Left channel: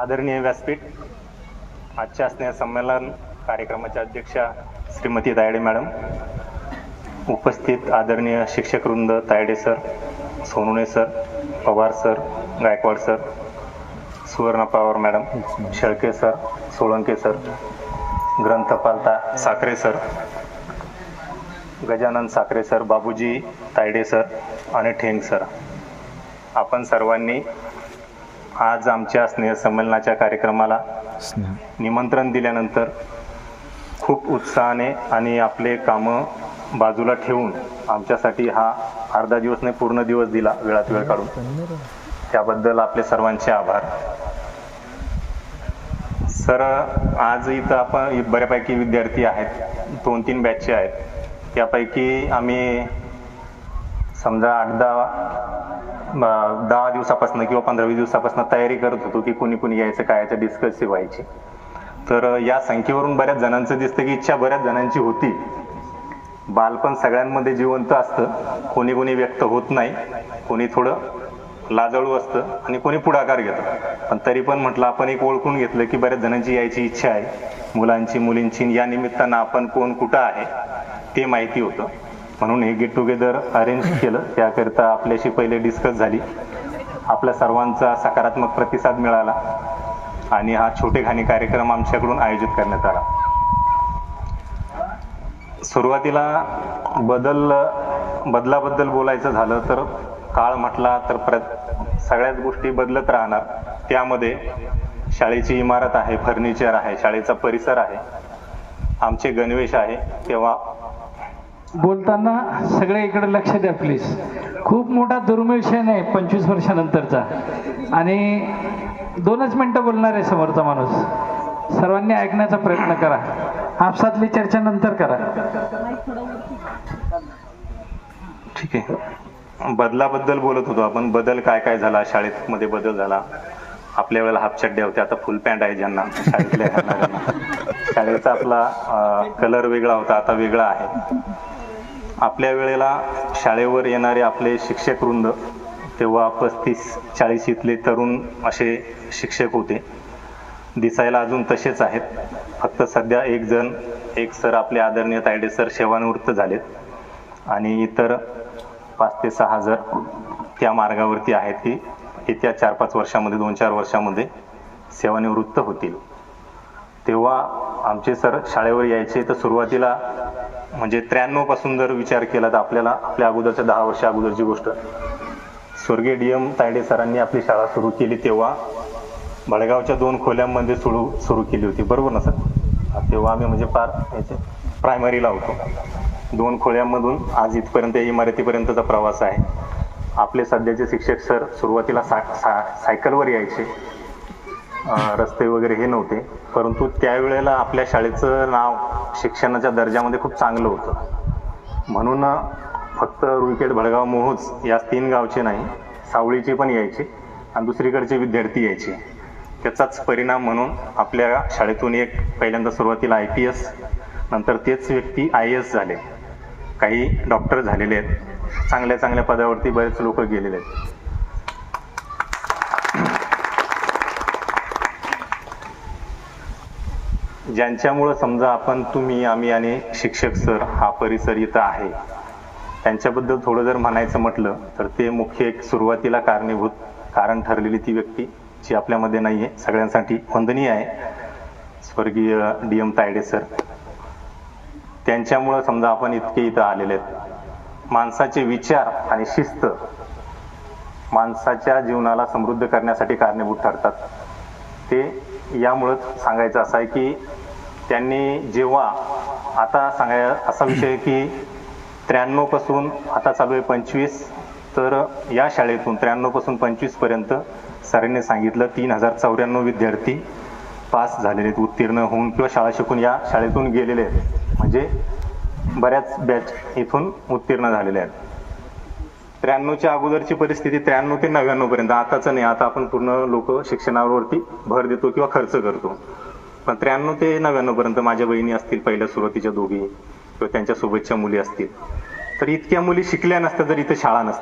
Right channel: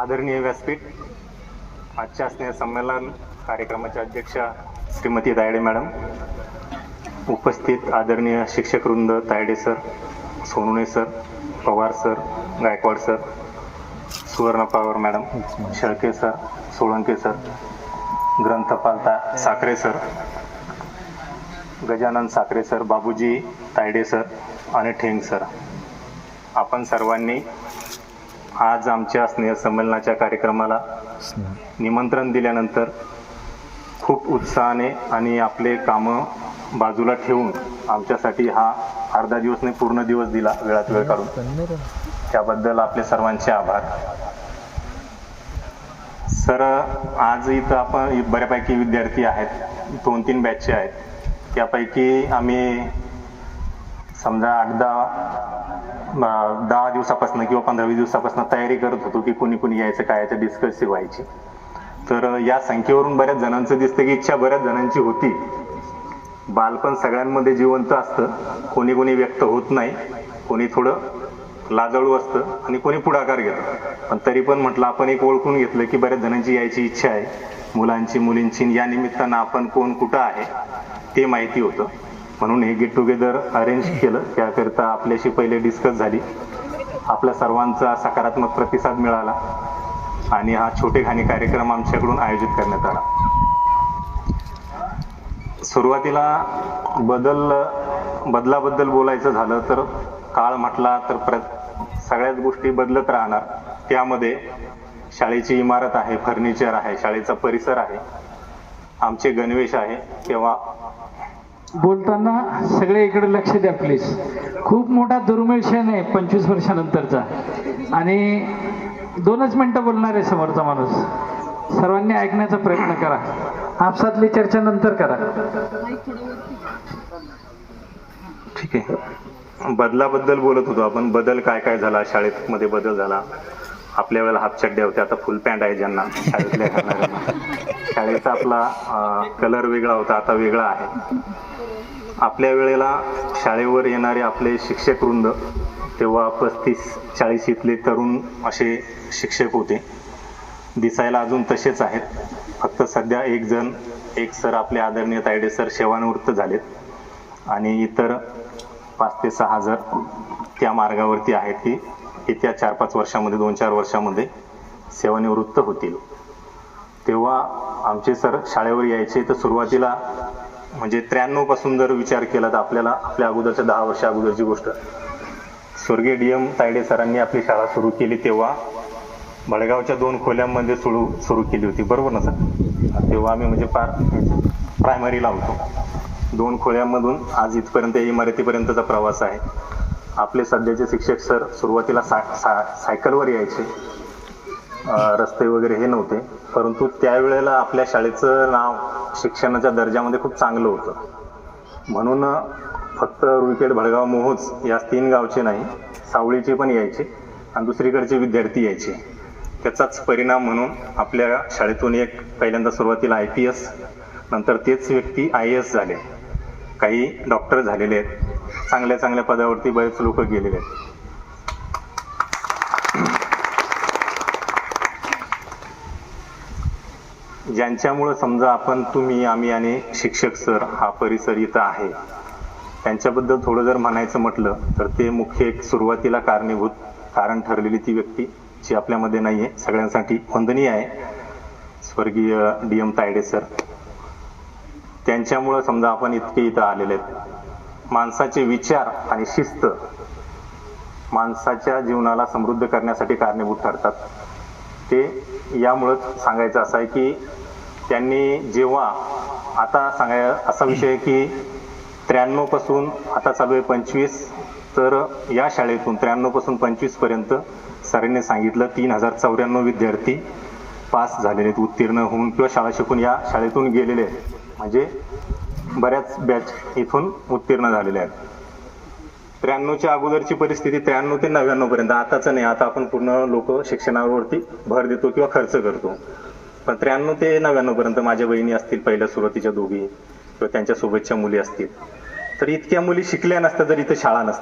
आदरणीय व्यासपीठ आजच्या स्नेह संमेलन कार्यक्रमाच्या अध्यक्षा श्रीमती तायडे मॅडम उपस्थित आदरणीय शिक्षकवृंद Tayde sir Sonune sir Pawar sir Gaikwad sir Suvarna Pawar madam Shelke sir Solanke sir ग्रंथपालता Sakhare sir Gajanan Sakhare sir Babuji Tayde sir आणि ठेंग सर. आपण सर्वांनी आज आमच्या स्नेहसंमेलनाच्या कार्यक्रमाला निमंत्रण दिल्यानंतर खूप उत्साहाने आणि आपले कामं बाजूला ठेवून आमच्यासाठी हा अर्धा दिवस नाही पूर्ण दिवस दिला वेळात वेळ काढून त्याबद्दल आपले सर्वांचे आभार. सर आज इथं आपण बऱ्यापैकी विद्यार्थी आहेत. दोन तीन बॅचचे आहेत. त्यापैकी आम्ही समजा आठ दहा दहा दिवसापासून किंवा पंधरा वीस दिवसापासून तयारी करत होतो की कोणी कोणी यायचं काय यायचं डिस्कस व्हायची तर या संख्येवरून बऱ्याच जणांचं दिसतं की इच्छा बऱ्याच जणांची होती. बालपण सगळ्यांमध्ये जिवंत असतं. कोणी कोणी व्यक्त होत नाही. कोणी थोडं लाजळू असतं आणि कोणी पुढाकार घेतं. पण तरी पण म्हटलं आपण एक ओळखून घेतलं की बऱ्याच जणांची यायची इच्छा आहे. मुलांची मुलींची या निमित्तानं आपण कोण कुठं आहे ते माहिती होतं. म्हणून हे गेट टुगेदर अरेंज केलं. त्याकरिता आपल्याशी पहिले डिस्कस झाली. आपल्या सर्वांचा सकारात्मक प्रतिसाद मिळाला. आणि हा छोटे घाणी कार्यक्रम आमच्याकडून आयोजित करण्यात आला. सुरुवातीला बदल बदलाबद्दल बोलायचं झालं तर काळ म्हटला तर प्र सगळ्याच गोष्टी बदलत राहणार. त्यामध्ये शाळेची इमारत आहे फर्निचर आहे शाळेचा परिसर आहे. आमचे गणवेश आहे. तेव्हा बोलताना सगळे इकडे लक्ष द्या प्लीज खूप मोठा दुर्मिळ क्षण आहे पंचवीस वर्षानंतरचा. आणि दोनच मिनटं बोलणार आहे समोरचा माणूस. सर्वांनी ऐकण्याचा प्रयत्न करा. आपसातली चर्चा नंतर करा. ठीक आहे. बदलाबद्दल बोलत होतो आपण. बदल काय काय झाला? शाळेत मध्ये बदल झाला. आपल्या वेळेला हाफ चड्डे होत्या आता फुल पॅन्ट आहे ज्यांना. शाळेतल्या शाळेचा आपला कलर वेगळा होता. आता वेगळा आहे. आपल्या वेळेला शाळेवर येणारे आपले शिक्षक वृंद तेव्हा पस्तीस चाळीस इथले तरुण असे शिक्षक होते. दिसायला अजून तसेच आहेत. फक्त सध्या एक जण एक सर आपले आदरणीय तायडे सर सेवानिवृत्त झालेत. आणि इतर पाच ते सहा जर त्या मार्गावरती आहेत की येत्या चार पाच वर्षामध्ये दोन चार वर्षामध्ये सेवानिवृत्त होतील. तेव्हा आमचे सर शाळेवर यायचे तर सुरुवातीला म्हणजे त्र्याण्णवपासून जर विचार केला तर आपल्याला आपल्या अगोदरच्या दहा वर्ष अगोदरची गोष्ट. स्वर्गीय डी. एम. तायडे सरांनी आपली शाळा सुरू केली तेव्हा बडगावच्या दोन खोल्यांमध्ये सुरू सुरू केली होती. बरोबर ना सर? तेव्हा आम्ही म्हणजे फार प्रायमरीला होतो. दोन खोल्यांमधून आज इथपर्यंत या इमारतीपर्यंतचा प्रवास आहे. आपले सध्याचे शिक्षक सर सुरुवातीला सा सा सायकलवर यायचे. रस्ते वगैरे हे नव्हते. परंतु त्यावेळेला आपल्या शाळेचं नाव शिक्षणाच्या दर्जामध्ये खूप चांगलं होतं. म्हणून फक्त रुईखेड भडगाव मोहोज या तीन गावचे नाही सावळीचे पण यायचे आणि दुसरीकडचे विद्यार्थी यायचे. त्याचाच परिणाम म्हणून आपल्या शाळेतून एक पहिल्यांदा सुरुवातीला आय पी एस नंतर तेच व्यक्ती आय एस झाले. काही डॉक्टर झालेले आहेत. चांगल्या चांगल्या पदावरती बरेच लोक गेलेले आहेत. ज्यांच्यामुळं समजा आपण तुम्ही आम्ही आणि शिक्षक सर हा परिसर इथं आहे त्यांच्याबद्दल थोडं जर म्हणायचं म्हटलं तर ते मुख्य एक सुरुवातीला कारणीभूत कारण ठरलेली ती व्यक्ती जी आपल्यामध्ये नाही आहे सगळ्यांसाठी वंदनीय आहे स्वर्गीय डी एम तायडे सर. त्यांच्यामुळं समजा आपण इतके इथं आलेले आहेत. माणसाचे विचार आणि शिस्त माणसाच्या जीवनाला समृद्ध करण्यासाठी कारणीभूत ठरतात. ते यामुळंच सांगायचं असं आहे की त्यांनी जेव्हा आता सांगाय असा विषय आहे की त्र्याण्णवपासून आता चालू आहे पंचवीस तर या शाळेतून त्र्याण्णवपासून पंचवीसपर्यंत सरांनी सांगितलं तीन हजार चौऱ्याण्णव विद्यार्थी पास झालेले आहेत उत्तीर्ण होऊन किंवा शाळा शिकून या शाळेतून गेलेले. आहेत म्हणजे बऱ्याच बॅच इथून उत्तीर्ण झालेल्या आहेत. त्र्याण्णवच्या अगोदरची परिस्थिती त्र्याण्णव ते नव्याण्णव पर्यंत. आताच नाही आता आपण पूर्ण लोक शिक्षणावरती भर देतो किंवा खर्च करतो. पण त्र्याण्णव ते नव्याण्णव पर्यंत माझ्या बहिणी असतील पहिल्या सुरुवातीच्या दोघी किंवा त्यांच्या सोबतच्या मुली असतील. तर इतक्या मुली शिकल्या नसत्या जर इथं शाळा नसतात